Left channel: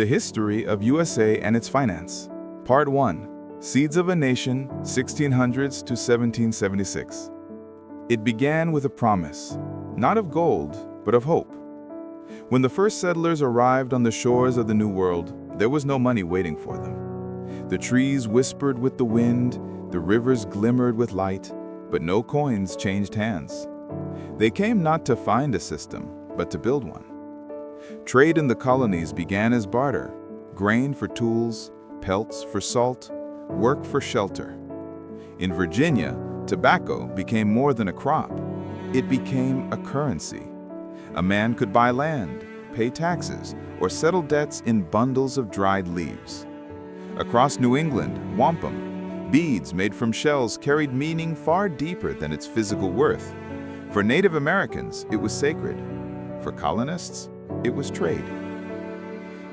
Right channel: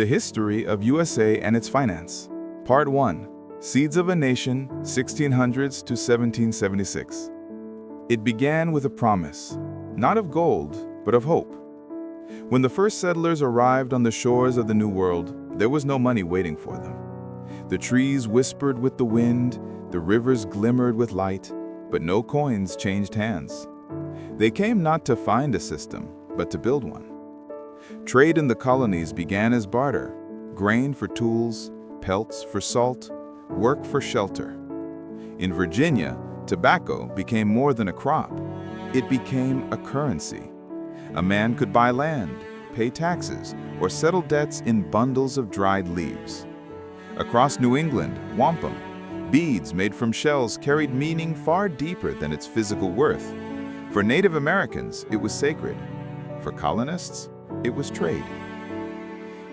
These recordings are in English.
The History of USA and Its Finance. Part 1. Seeds of a Nation, 1600s to 1776. It began with a promise, not of gold, but of hope. When the first settlers arrived on the shores of the New World, there was no money waiting for them. The trees whispered with the wind, the rivers glimmered with light, but no coins changed hands. They came not to find a system, but to build one. Trade in the colonies began as barter: grain for tools, pelts for salt, work for shelter. In Virginia, tobacco became more than a crop. It became a currency. A man could buy land, pay taxes, or settle debts in bundles of dried leaves. Across New England, wampum, beads made from shells, carried meaning far deeper than its physical worth. For Native Americans, it was sacred. For colonists, it was trade.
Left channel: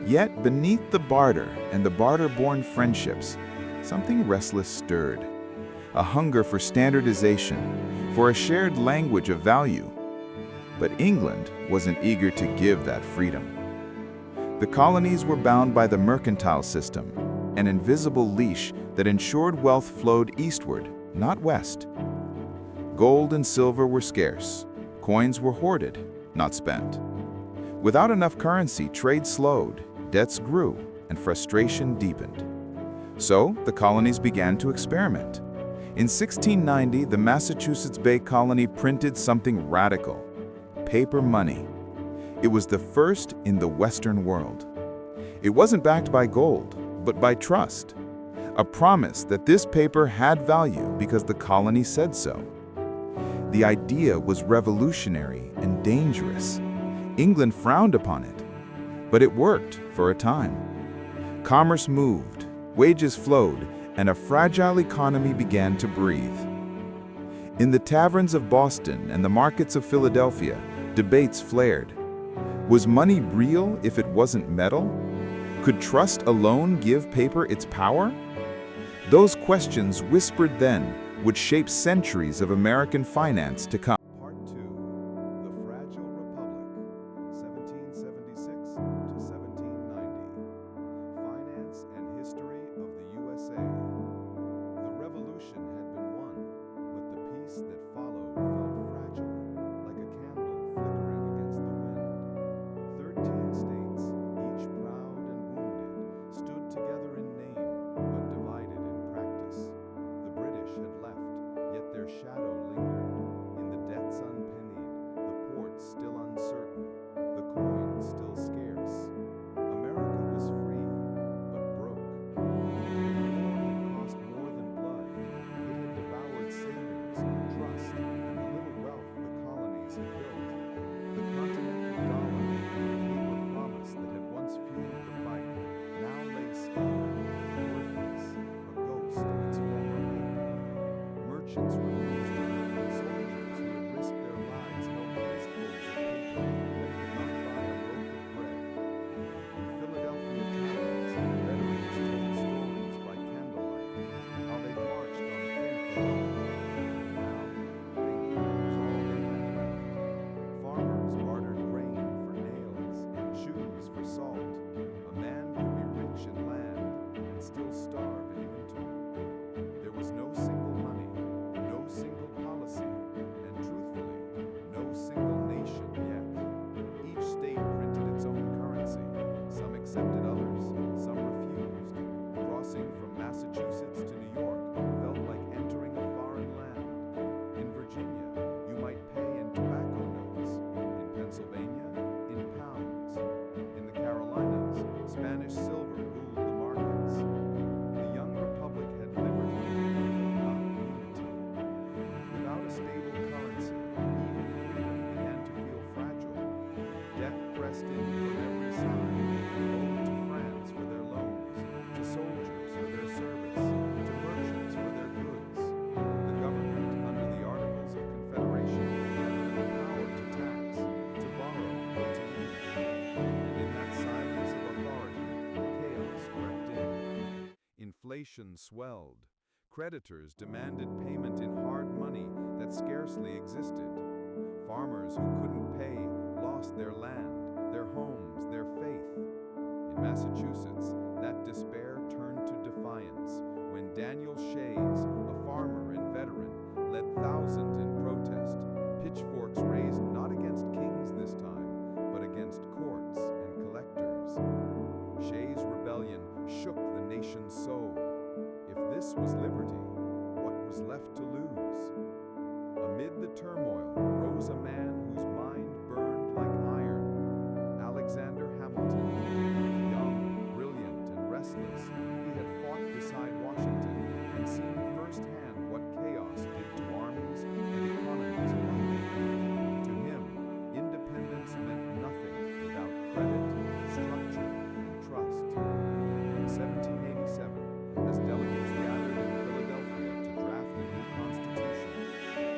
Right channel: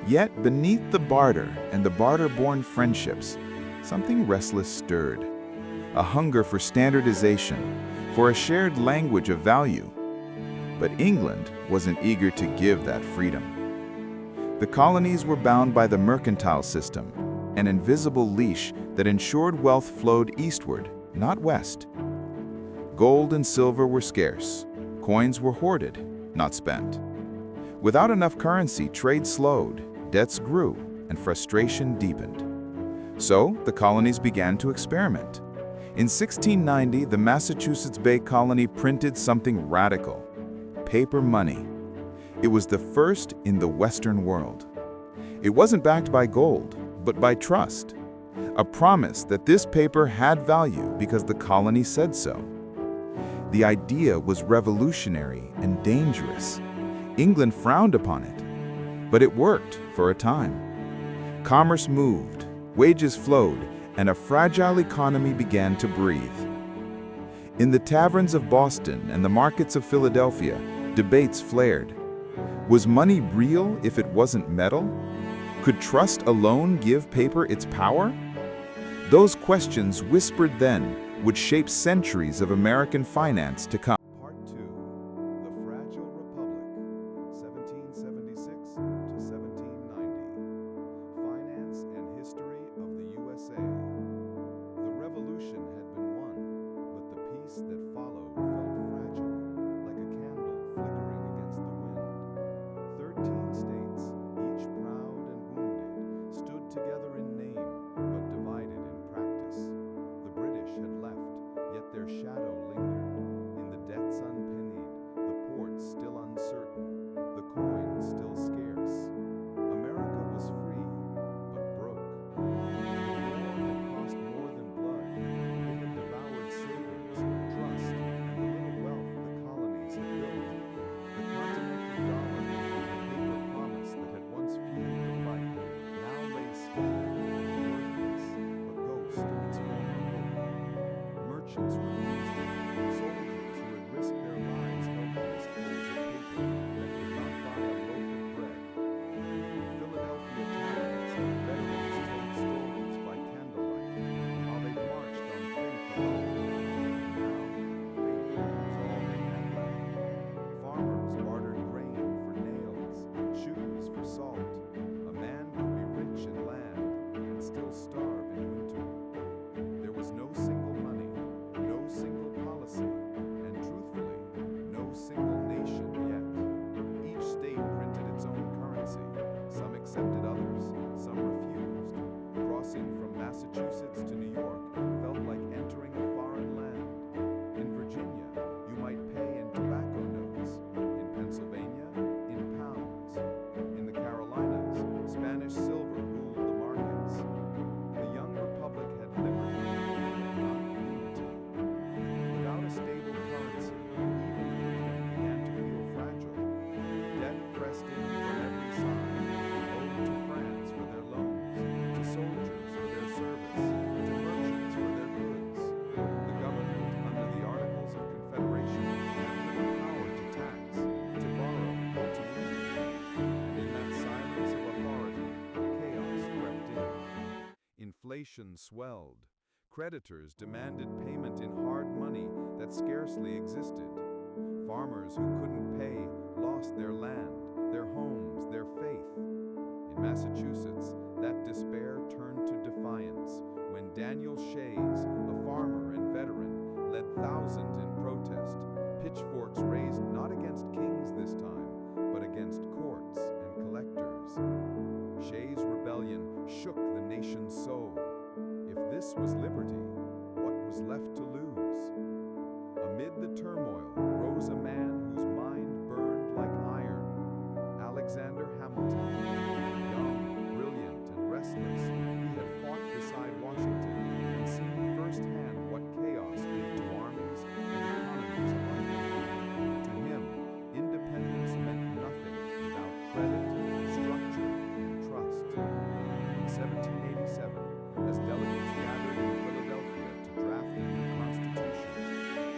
Yet beneath the barter and the barter-born friendships, something restless stirred. A hunger for standardization, for a shared language of value. But England wasn't eager to give that freedom. The colonies were bound by the mercantile system, an invisible leash that ensured wealth flowed eastward, not west. Gold and silver were scarce. Coins were hoarded, not spent. Without enough currency, trade slowed, debts grew, and frustration deepened. So, the colonies began to experiment. In 1690, the Massachusetts Bay Colony printed something radical: paper money. It was the first in the Western world. It wasn't backed by gold, but by trust. A promise that this paper had value because the colony said so. The idea was revolutionary and dangerous. England frowned upon it, but it worked for a time. Commerce moved, wages flowed, and a fragile economy began to breathe. In the taverns of Boston and the markets of Philadelphia, debates flared. Was money real if it wasn't metal? Could trust alone give paper its power? Those questions, whispered then, would shape centuries of American finance to come. Part 2. The Fragile Republic, 1776 to 1790. Finance and History of the USA. The Revolution had been won, but the peace that followed felt fragile, like a candle flickering against the wind. 13 states, each proud and wounded, stood together in name, but divided in practice. The British had left, yet their shadow lingered. In the debts unpennied, the ports still uncertain, the coin still scarce. America was free, but broke. The war had cost more than blood. It had devoured savings, trust, and the little wealth the colonies had built. The continental dollar, the paper promise that had once fueled the fight, now lay scattered, worthless, a ghost of its former hope. Merchants refused to leave. Soldiers who had risked their lives held fistfuls of paper that could not buy a loaf of bread. In Philadelphia taverns, veterans told stories by candlelight, how they marched on faith alone. Now, faith was all they had left. Farmers bartered grain for nails, shoes for salt. A man could be rich in land and still starve in winter. There was no single money, no single policy, and truthfully, no single nation yet. Each state printed its own currency. Some accepted others, some refused. Crossing from Massachusetts to New York felt like entering a foreign land. In Virginia, you might pay in tobacco notes. In Pennsylvania, in pounds. In the Carolinas, Spanish silver ruled the markets. The young republic had liberty, but not unity. Without a stable currency, even freedom began to feel fragile. Debt pressed in from every side, owed to France for their loans, to soldiers for their service, to merchants for their goods. The government, under the Articles of Confederation, had little power to tax, to borrow, or to leave. And in that silence of authority, chaos crept in. Inflation swelled. Creditors demanded payment in hard money that scarcely existed. Farmers who couldn't pay lost their land, their homes, their faith. In Massachusetts, that despair turned to defiance when Daniel Shays, a farmer and veteran, led thousands in protest, pitchforks raised not against kings this time, but against courts and collectors. Shays' rebellion shook the nation's soul. If this was liberty, what was left to lose? Amid the turmoil rose a man whose mind burned like iron, Alexander Hamilton. Young, brilliant, and restless, he had fought beside Washington and seen firsthand what chaos did to armies and economies alike. To him, independence meant nothing without credit, structure, and trust. In 1787, as delegates gathered in Philadelphia to draft the new Constitution,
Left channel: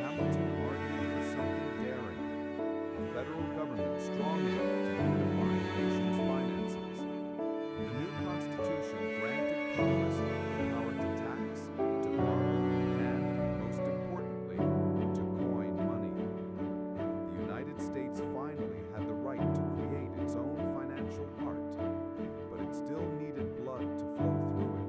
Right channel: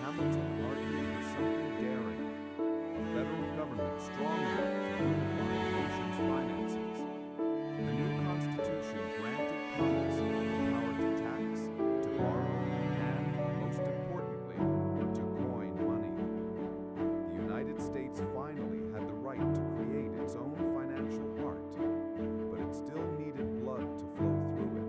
Hamilton argued for something daring, a federal government strong enough to unify the nation's finances. The new Constitution granted Congress the power to tax, to borrow, and, most importantly, to coin money. The United States finally had the right to create its own financial heart, but it still needed blood to flow through it.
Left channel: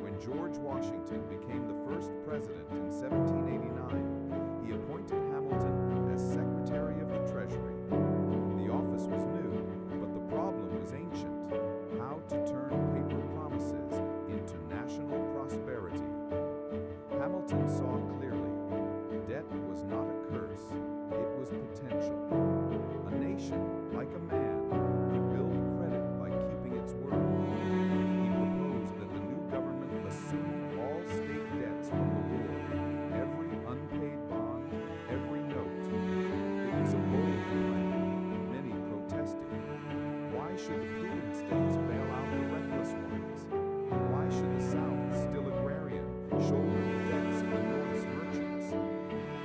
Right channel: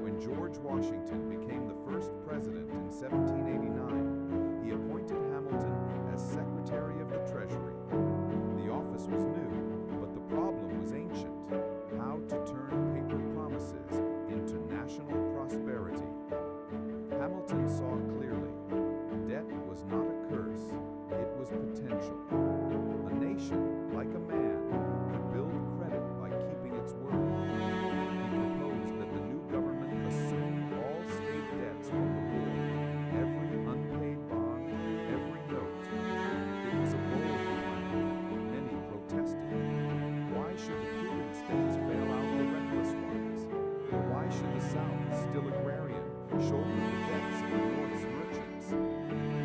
When George Washington became the first president in 1789, he appointed Hamilton as Secretary of the Treasury. The office was new, but the problem was ancient: how to turn paper promises into national prosperity. Hamilton saw clearly. Debt was not a curse, it was potential. A nation, like a man, could build credit by keeping its word. He proposed that the new government assume all state debts from the war, every unpaid bond, every note. It was a bold plan. Many protested. Why should the prudent states bail out the reckless ones? Why should the South, still agrarian, shoulder the debts of the North's merchants?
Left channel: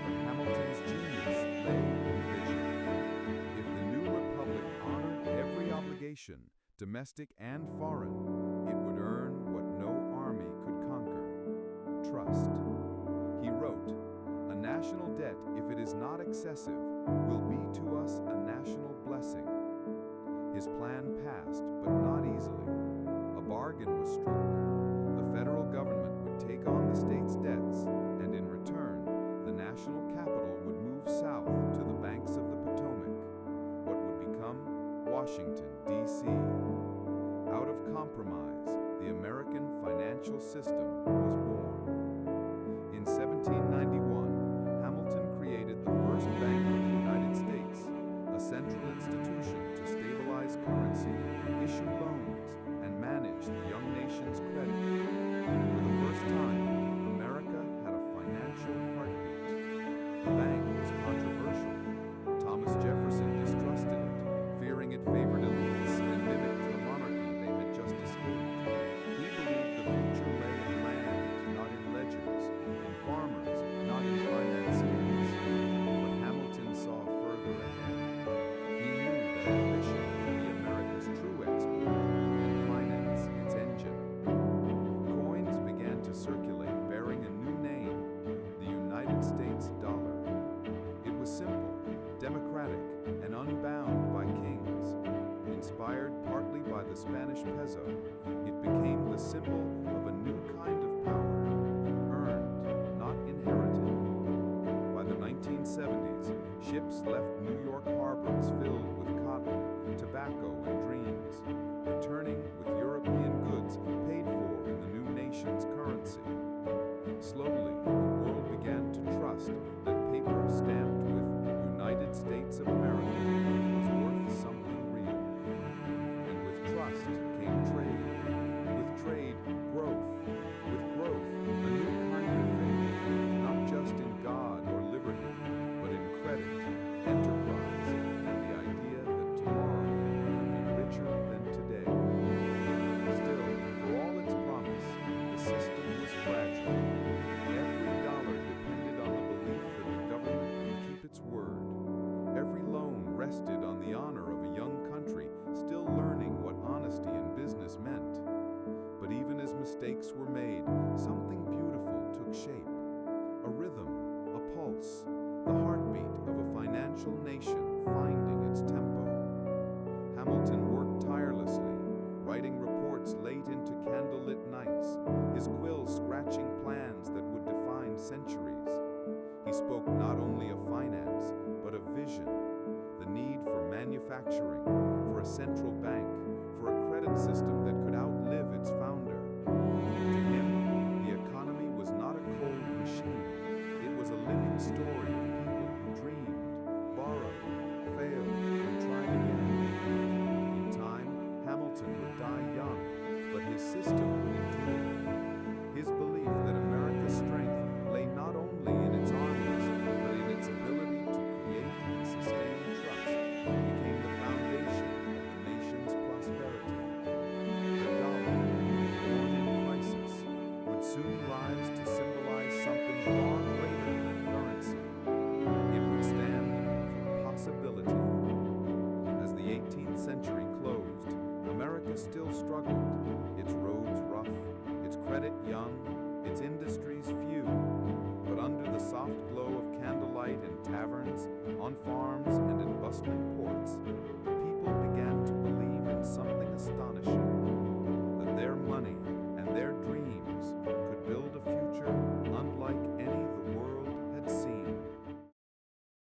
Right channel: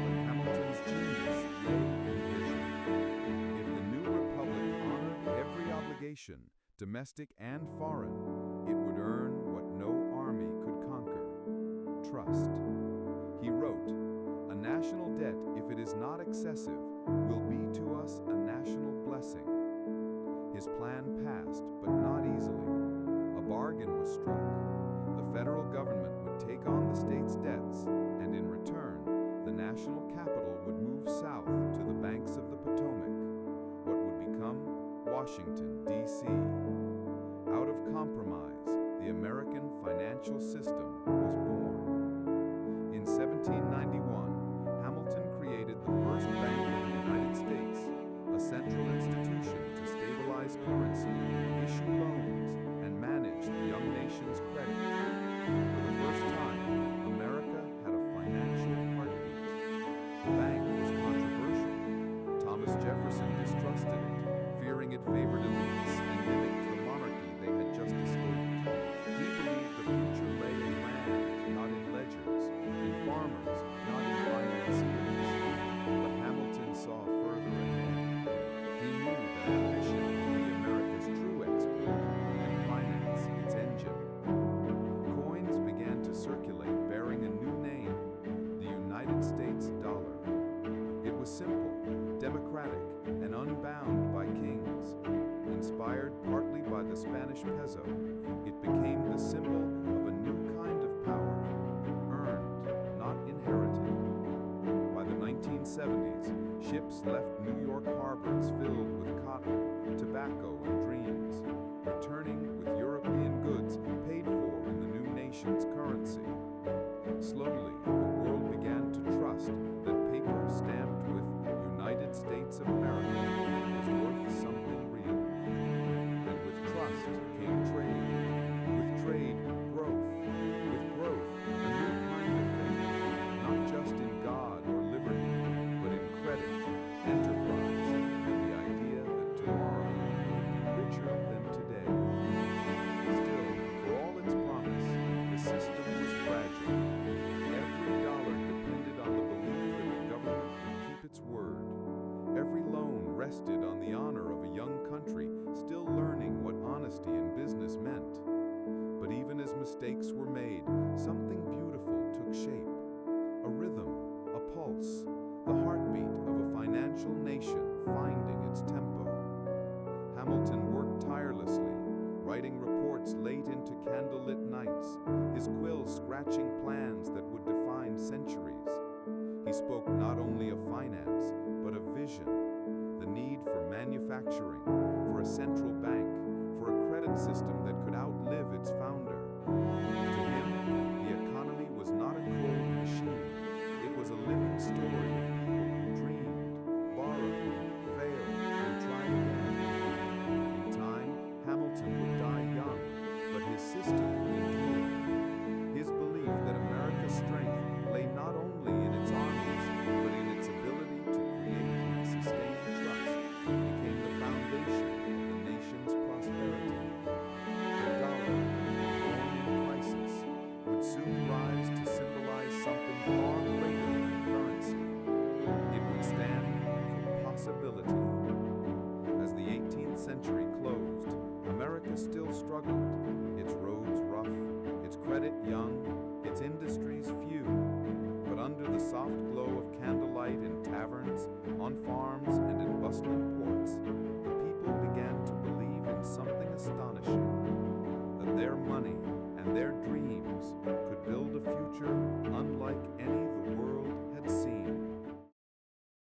But Hamilton's genius lay in vision. If the new republic honored every obligation, domestic and foreign, it would earn what no army could conquer: trust. He wrote, "A national debt, if it is not excessive, will be to us a national blessing." His plan passed, but not easily. A bargain was struck. The federal government would take on the state's debts, and in return, the national capital would move south to the banks of the Potomac, what would become Washington, D.C. Out of compromise, the American financial system was born. In 1791, Hamilton created the first Bank of the United States, a central institution to stabilize currency, issue loans, and manage the young nation's credit. For the first time, America had a financial heartbeat. The bank was controversial. Thomas Jefferson distrusted it, fearing it favored elites and mimicked the monarchy they had just escaped. He believed the future lay in land, not in ledgers, in farmers, not in financiers. But Hamilton saw further ahead. He knew that ambition would be America's true export and finance its engine. Coins began to circulate bearing a new name: the United States dollar. It was simple, democratic, and unbound by kings. Inspired partly by the Spanish peso, it became the symbol of a new kind of power, earned, not inherited. By the 1970s, ships left New York harbors filled with cotton, tobacco, and dreams, returning with European goods paid for in the new nation's currency. Slowly, the world began to trust that paper stamped with United States of America was worth something real. And with trust came trade. With trade, growth. With growth, a new kind of faith, not just in God or liberty, but in credit, enterprise, and the idea that tomorrow could be richer than today. Still, for all its promise, the system was fragile. Every dollar depended on the belief that the government would keep its word. Every loan rested on the honor of a young country still learning what honesty in business meant. But even as mistakes were made, something beautiful took shape. A rhythm, a pulse, the heartbeat of a financial nation finding its tempo. Hamilton worked tirelessly, writing reports late into candlelit nights, his quill scratching plans that would define centuries. He spoke not only of finance, but of vision, the need for manufacturing, for a central bank, for a credit system that could outlive its founder. To him, the economy was not a cold machine. It was a living story of people who dreamed, borrowed, failed, and tried again. In time, Hamilton would die young, but his system would endure. His belief that America's strength lay not only in its armies, but in its ability to create and sustain trust, became the foundation of the nation's prosperity. The dollar, born in crisis, would soon rise to symbolize something far greater than currency. It would stand for possibility. As the 18th century closed, America still struggled, its roads rough, its credit young, its industries few. But under the soft glow of candlelight in taverns, on farms, and in bustling ports, the people began to believe in something astonishing, that their money and their dreams could build a future unlike any the world had seen.